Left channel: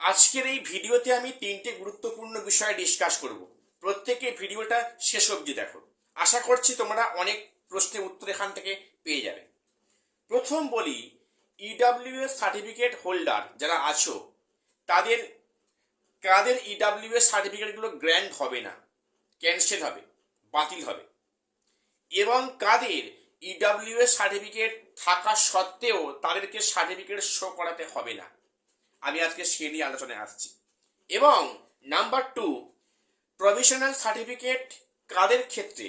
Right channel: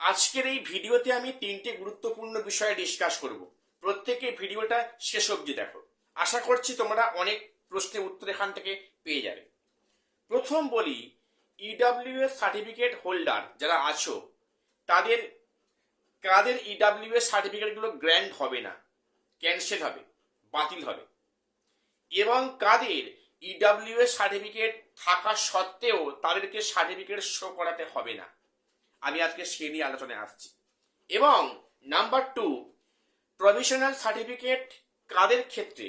আজকের এই ভিডিওতে আমি তিনটে গুরুত্বপূর্ণ বিষয় ডিসকাস করব। প্রত্যেকে ভিডিওটা শেষ অবধি দেখো। আশা করছি তোমরা অনেক প্রশ্নের উত্তর এখান থেকে পেয়ে যাবে। প্রথম বলি, ইডাব্লিউএস সার্টিফিকেট হোল্ডার যারা আছো তাদের কাদের ইডাব্লিউএস সার্টিফিকেটগুলো গ্র্যান্ট হবে না, ক্যান্সেল হবে, বাতিল হবে, এবং কাদের ইডাব্লিউএস সার্টিফিকেট থাকা সত্ত্বেও তাদেরকে সার্টিফিকেট শো করাতে হবে না, আমি আজকে সে নিয়ে আলোচনায় আসছি। এবং নাম্বার 2, প্রভিশনাল সার্টিফিকেট কাদের ক্ষেত্রে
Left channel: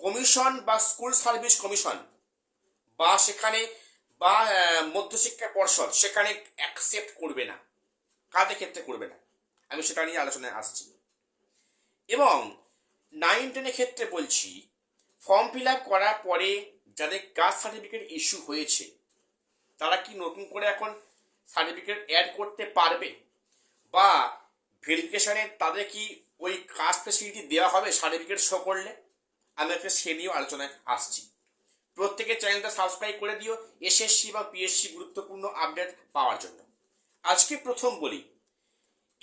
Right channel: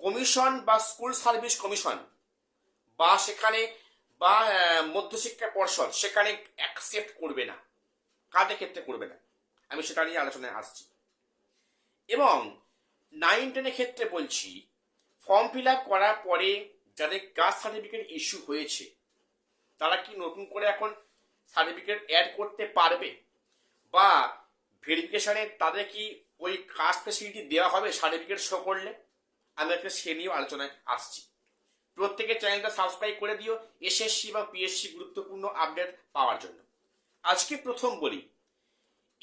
কমিশন বা স্কুল সার্ভিস কমিশন বা সেখানে বা মধ্যশিক্ষা পর্ষদ সেখানে অ্যাকসেপ্ট করবে না, কাদের ক্ষেত্রে করবে না, আমি সেটা নিয়ে আলোচনায় আসছি। এবং 9-10 ক্ষেত্রে বলছি, ফর্ম ফিল আপ করার পরে যাদের কাস্ট সার্টিফিকেট ইস্যু হয়েছে তারা কি নতুন করে এখন সার্টিফিকেট অ্যাড করতে পারবে, বা ভেরিফিকেশনে তাদের কি ওই কাস্ট ফেসিলিটি দেওয়া হবে সার্টিফিকেট শো করলে, আমি একটা সে নিয়েও আলোচনায় আসছি। প্রত্যেকের চ্যানেলটা সাবস্ক্রাইব করে দিও এসএসসি বা পিএসসি গুরুত্বপূর্ণ আপডেট পাওয়ার জন্য। আজকে প্রথম বলি,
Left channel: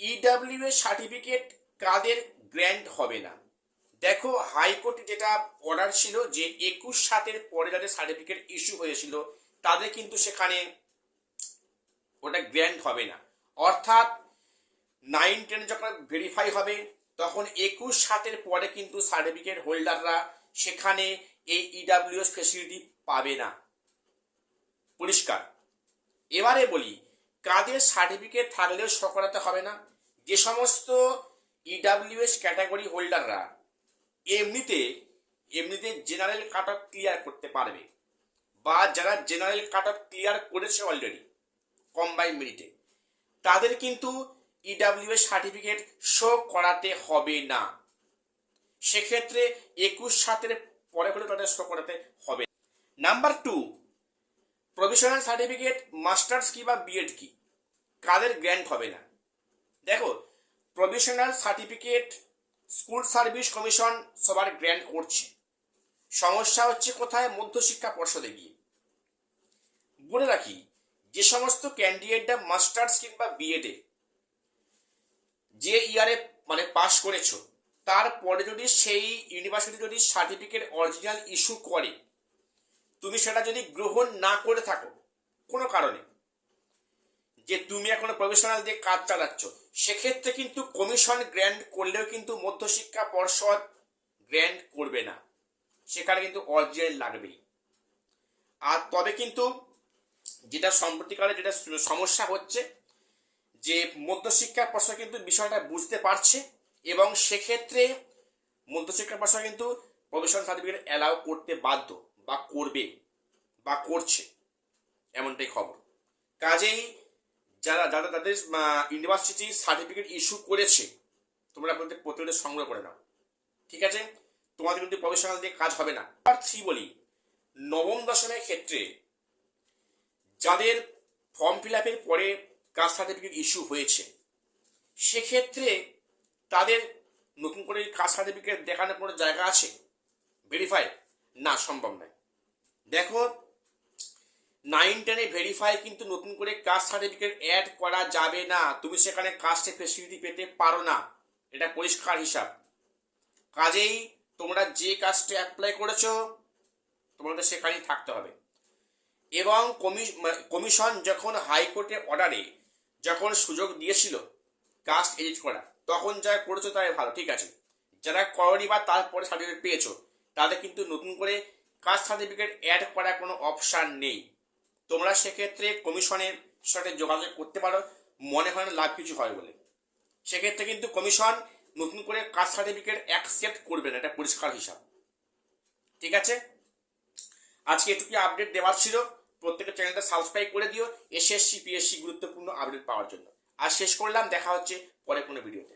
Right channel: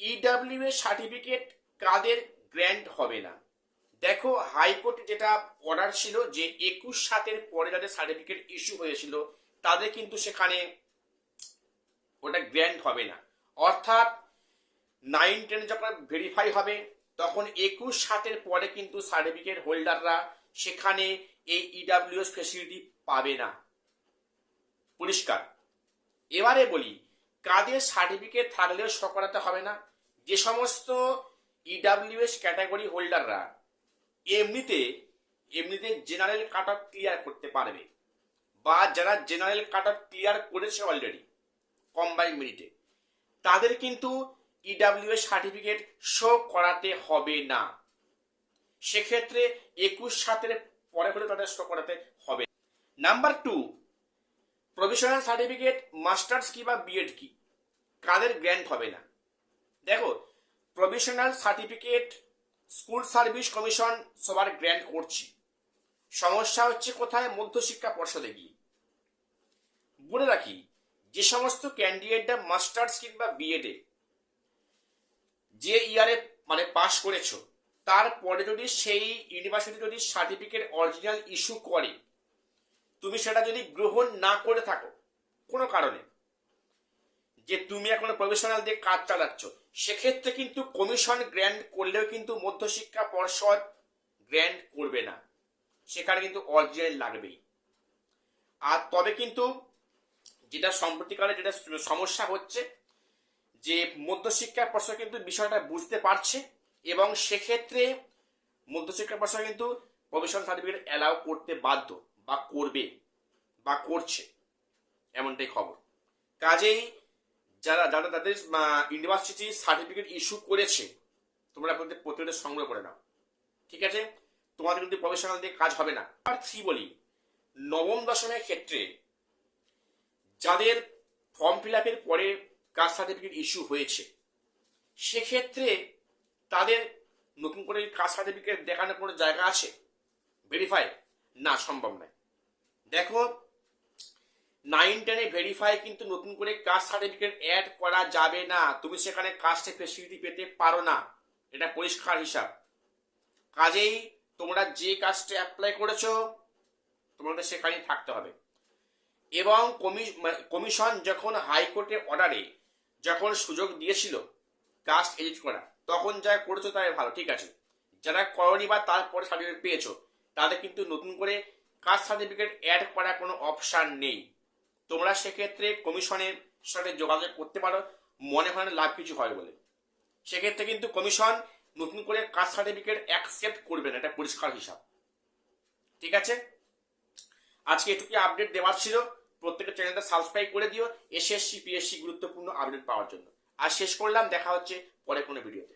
ইডাব্লিউএস সার্টিফিকেট কাদের গ্র্যান্ট হবে না। দেখো, হাইকোর্টে যেটা অর্ডার ছিল যে 21/7 পরে যাদের সার্টিফিকেট ইস্যু হয়েছিল তাদের কিন্তু সেখানে ওটা গ্র্যান্ট হবে না। অর্থাৎ 9-10 যখন ভেরিফাই হবে তখন 21/7 পরে কিন্তু সার্টিফিকেট হোল্ডাররা সেখানে এই ইডাব্লিউএস ফেসিলিটি পাবে না, পরিষ্কার। এবারে বলি, কাদের সার্টিফিকেট থাকলেও শো করাতে হবে না। যে সমস্ত ইডাব্লিউএস ক্যাটাগরি হোল্ডাররা এমনিতে জেনারেল কাট অফ ক্লিয়ার করতে পারবে, বা যারা জেনারেল কাট অফ ক্লিয়ার করেছে অলরেডি কম্বাইন্ড মেরিটে, তাদের কিন্তু ইডাব্লিউএস সার্টিফিকেট শো করাতে হবে না। সেক্ষেত্রে 21/7 পরে হলে তাদের শো করাতে হবে। নাম্বার 2, প্রভিশনাল সার্টিফিকেট মাস্টার্স কি বা বিএড কি কাদের গ্র্যান্ট হবে না। দেখো, provisional certificate school service commission সবার গ্র্যান্ট করছে। সমস্যা হচ্ছে কোথায়, মধ্যশিক্ষা পর্ষদে গিয়ে। বলে রাখি, যে সমস্ত ক্যান্ডিডেটরা মাস্টার্স কিংবা বিএডে যে ইয়ারে পাস করেছো, তারপরে যদি সেই ইউনিভার্সিটি যদি সার্টিফিকেট অরিজিনাল ইস্যু করে, তুমি সেটা যদি গ্রহণ না করে থাকো কোনো কারণে, যে তুমি এখনো প্রফেশনাল দিয়ে কাজ চালাচ্ছ, সেক্ষেত্রে কিন্তু কমিশন গ্র্যান্ট করলেও কিন্তু মধ্যশিক্ষা পর্ষদ গ্র্যান্ট করবে না, সেখানে কিন্তু অরিজিনাল লাগবেই। আর তবে কিন্তু যেটা সম্প্রতিকালে যেটা সমস্যা হচ্ছে, যে মধ্যশিক্ষা পর্ষদ কিন্তু বিষয়টা বুঝতে পারছে এবং সেক্ষেত্রে মধ্যশিক্ষা পর্ষদ কিন্তু প্রফেশনাল সার্টিফিকেট অ্যালাউ করতে বাধ্য, বা করবে, বা করছে, এমনটাই খবর। কাজেই যারা যারা তাদের ইউনিভার্সিটি সার্টিফিকেট ইস্যু করেছে, তোমরা প্রতিটা সংগ্রহ করে নাও, ঠিক আছে? তোমাদের কিন্তু প্রফেশনাল দিয়ে কাজ হবে না। আর 3 বলি, 9ম-10মের ক্ষেত্রে যাদের ফর্ম ফিল আপের পরে কাস্ট সার্টিফিকেট ইস্যু হয়েছে, সেক্ষেত্রে তাদের নতুন করে কাস্ট সার্টিফিকেট দেখানোর কোনো জায়গা আছে ভেরিফাই? না, সম্ভব নয়। দেখো, 9-10 ভেরিফাই কিন্তু নতুন করে কাস্ট সার্টিফিকেট অ্যাড করা যাবে না, তুমি সেখানে কাস্টের ফেসিলিটি পেতে পারো না, এটা পরিষ্কার হিসাব। কাজেই তোমরা যে কাস্টে অ্যাপ্লাই করেছো তোমাদের সেখানেই থাকতে হবে। এবং কমিশন যখন হাইকোর্টের অর্ডারে যখন সুযোগ দিয়েছিল কাস্ট এডিট করা, তখন যা করেছো তাই ভালো, ঠিক আছে। যারা করনি বা তারপরে সার্টিফিকেট পেয়েছো তাদের কিন্তু নতুন করে কাস্ট সার্টিফিকেট অ্যাড করার কোনো অপশান নেই। তোমরা সেক্ষেত্রে কমিশনের সাথে যোগাযোগ করতে পারো, মনে হয় না লাভ কিছু হয় বলে। সেক্ষেত্রে কিন্তু কমিশন নতুন করে কাস্ট সার্টিফিকেট অ্যাকসেপ্ট করবে না, এটা পরিষ্কার হিসাব, ঠিক আছে? আজকে এটুকু আপডেট দেওয়ার ছিল। প্রত্যেকের চ্যানেলটা সাবস্ক্রাইব করে দিও এসএসসি পিএসসি গুরুত্বপূর্ণ আপডেট পাওয়ার জন্য। আর শেষ করলাম, দেখা হচ্ছে পরে কোনো ভিডিওতে।